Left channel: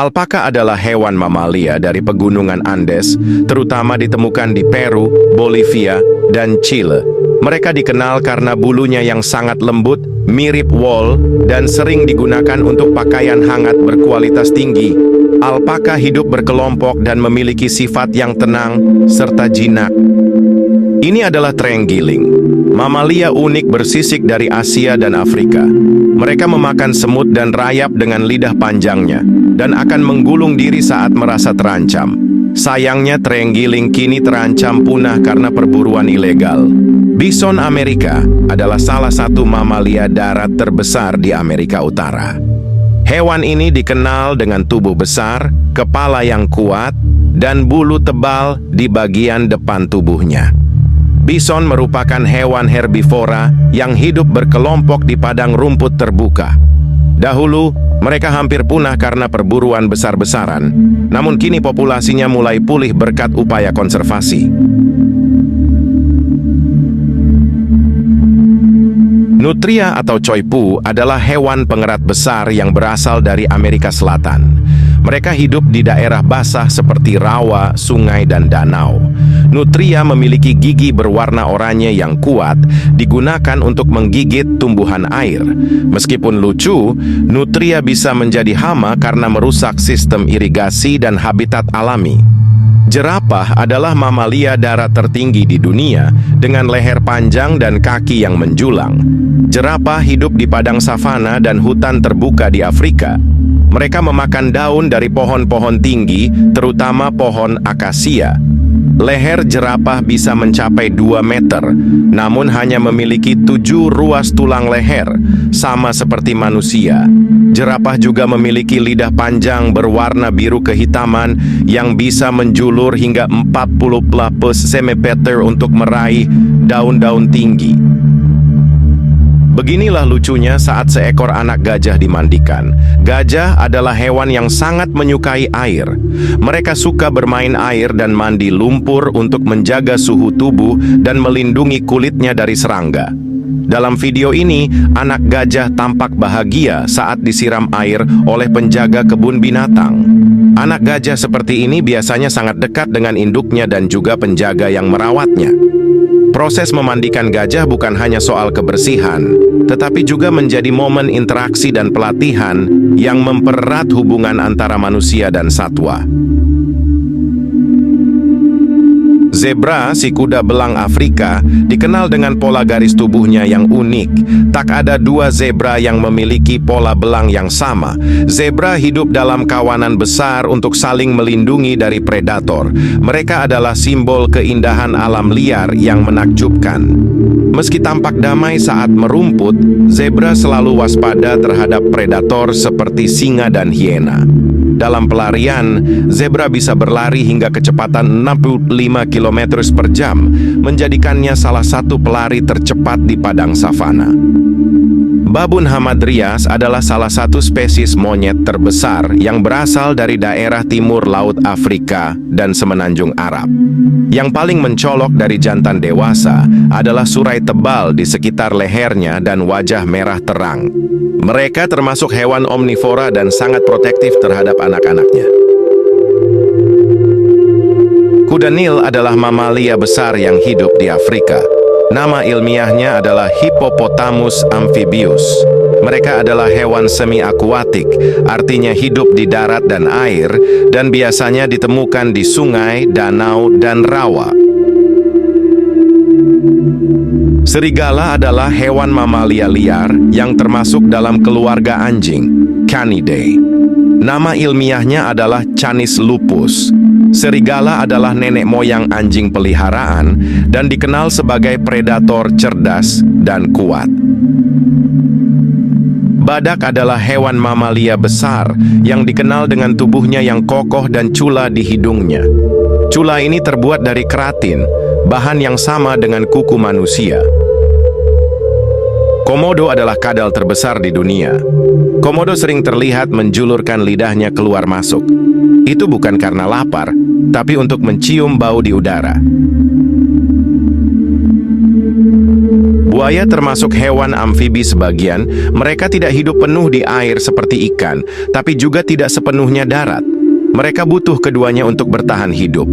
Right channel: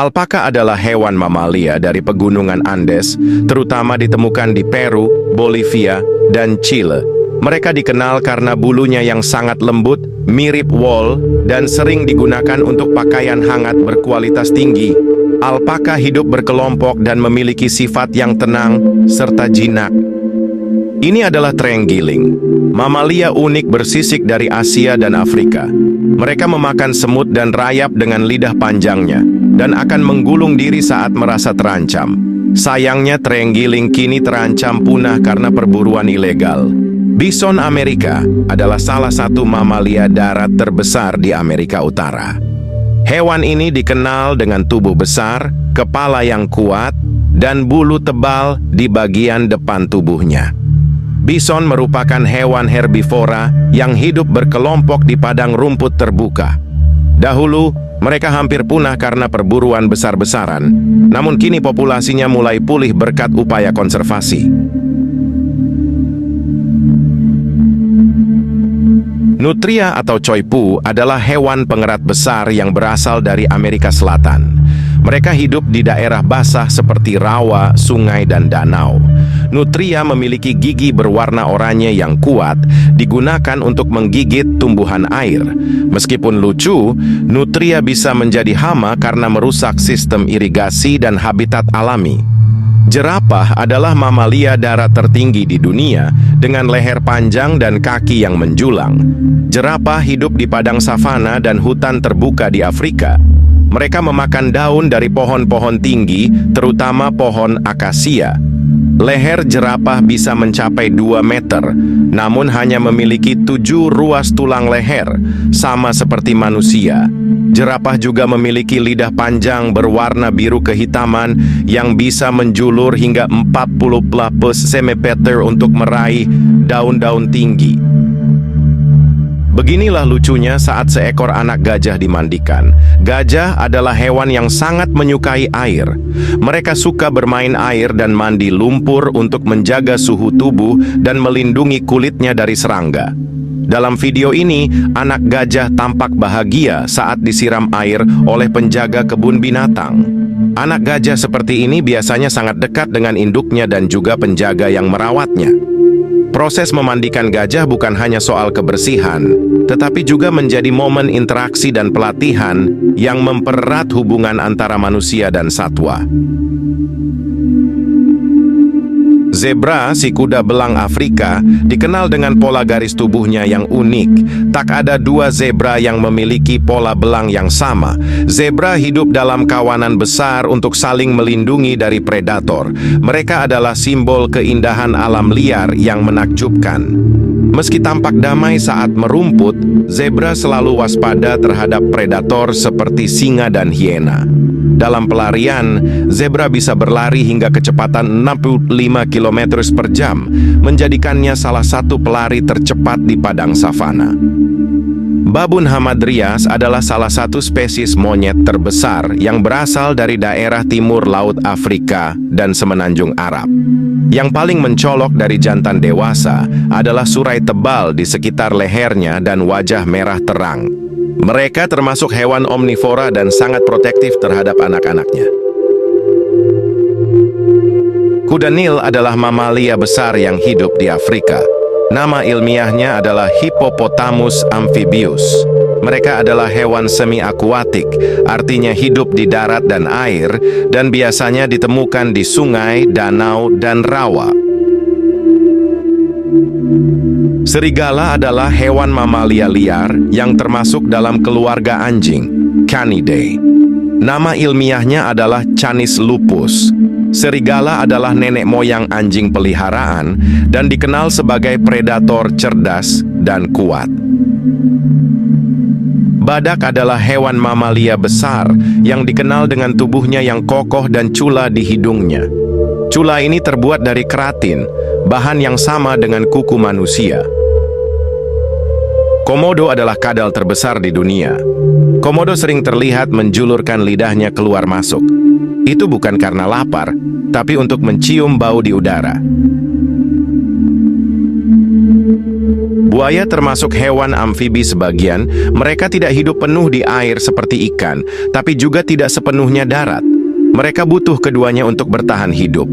Alpaka adalah hewan mamalia dari pegunungan Andes, terutama ditemukan di Peru, Bolivia, dan Chile. Mereka dikenal karena bulunya yang sangat lembut, mirip wool, dan sering digunakan untuk pakaian hangat berkualitas tinggi. Alpaka hidup berkelompok dan memiliki sifat yang tenang serta jinak. Ini adalah terenggiling, mamalia unik bersisik dari Asia dan Afrika. Mereka memakan semut dan rayap dengan lidah panjangnya, dan akan menggulung diri saat merasa terancam. Sayangnya terenggiling kini terancam punah karena perburuan ilegal. Bison Amerika adalah salah satu mamalia darat terbesar di Amerika Utara. Hewan ini dikenal dengan tubuh besar, kepala yang kuat, dan bulu tebal di bagian depan tubuhnya. Bison merupakan hewan herbivora yang hidup berkelompok di padang rumput terbuka. Dahulu, mereka hampir punah karena perburuan besar-besaran, namun kini populasinya mulai pulih berkat upaya konservasi. Nutria atau coypu adalah hewan pengerat besar yang berasal dari Amerika Selatan. Mereka hidup di daerah basah seperti rawa, sungai, dan danau. Nutria memiliki gigi berwarna oranye yang kuat, digunakan untuk menggigit tumbuhan air. Meskipun lucu, nutria bisa menjadi hama karena merusak sistem irigasi dan habitat alami. Jerapah adalah mamalia darat tertinggi di dunia dengan leher panjang dan kaki yang menjulang. Jerapah hidup di padang savana dan hutan terbuka di Afrika. Mereka memakan daun dari pohon-pohon tinggi, terutama pohon akasia. Leher jerapah bisa mencapai 2 meter, namun hanya memiliki 7 ruas tulang leher, sama seperti manusia. Jerapah juga memiliki lidah panjang berwarna biru kehitaman yang bisa menjulur hingga 40 cm untuk meraih daun-daun tinggi. Beginilah lucunya saat seekor anak gajah dimandikan. Gajah adalah hewan yang sangat menyukai air. Mereka suka bermain air dan mandi lumpur untuk menjaga suhu tubuh dan melindungi kulitnya dari serangga. Dalam video ini, anak gajah tampak bahagia saat disiram air oleh penjaga kebun binatang. Anak gajah seperti ini biasanya sangat dekat dengan induknya dan juga penjaga yang merawatnya. Proses memandikan gajah bukan hanya soal kebersihan, tetapi juga menjadi momen interaksi dan pelatihan yang mempererat hubungan antara manusia dan satwa. Zebra, si kuda belang Afrika, dikenal dengan pola garis tubuhnya yang unik. Tak ada 2 zebra yang memiliki pola belang yang sama. Zebra hidup dalam kawanan besar untuk saling melindungi dari predator. Mereka adalah simbol keindahan alam liar yang menakjubkan. Meski tampak damai saat merumput, zebra selalu waspada terhadap predator seperti singa dan hiena. Dalam pelarian, zebra bisa berlari hingga kecepatan 65 km per jam, menjadikannya salah satu pelari tercepat di padang savana. Babun hamadryas adalah salah satu spesies monyet terbesar yang berasal dari daerah timur Laut Afrika dan Semenanjung Arab. Yang paling mencolok dari jantan dewasa adalah surai tebal di sekitar lehernya dan wajah merah terang. Mereka termasuk hewan omnivora dan sangat protektif terhadap anak-anaknya. Kuda Nil adalah mamalia besar yang hidup di Afrika. Nama ilmiahnya adalah Hippopotamus amphibius. Mereka adalah hewan semi-akuatik, artinya hidup di darat dan air, dan biasanya ditemukan di sungai, danau, dan rawa. Serigala adalah hewan mamalia liar yang termasuk dalam keluarga anjing, Canidae. Nama ilmiahnya adalah Canis lupus. Serigala adalah nenek moyang anjing peliharaan dan dikenal sebagai predator cerdas dan kuat. Badak adalah hewan mamalia besar yang dikenal dengan tubuhnya yang kokoh dan cula di hidungnya. Cula ini terbuat dari keratin, bahan yang sama dengan kuku manusia. Komodo adalah kadal terbesar di dunia. Komodo sering terlihat menjulurkan lidahnya keluar masuk. Itu bukan karena lapar, tapi untuk mencium bau di udara. Buaya termasuk hewan amfibi sebagian, mereka tidak hidup penuh di air seperti ikan, tapi juga tidak sepenuhnya darat. Mereka butuh keduanya untuk bertahan hidup.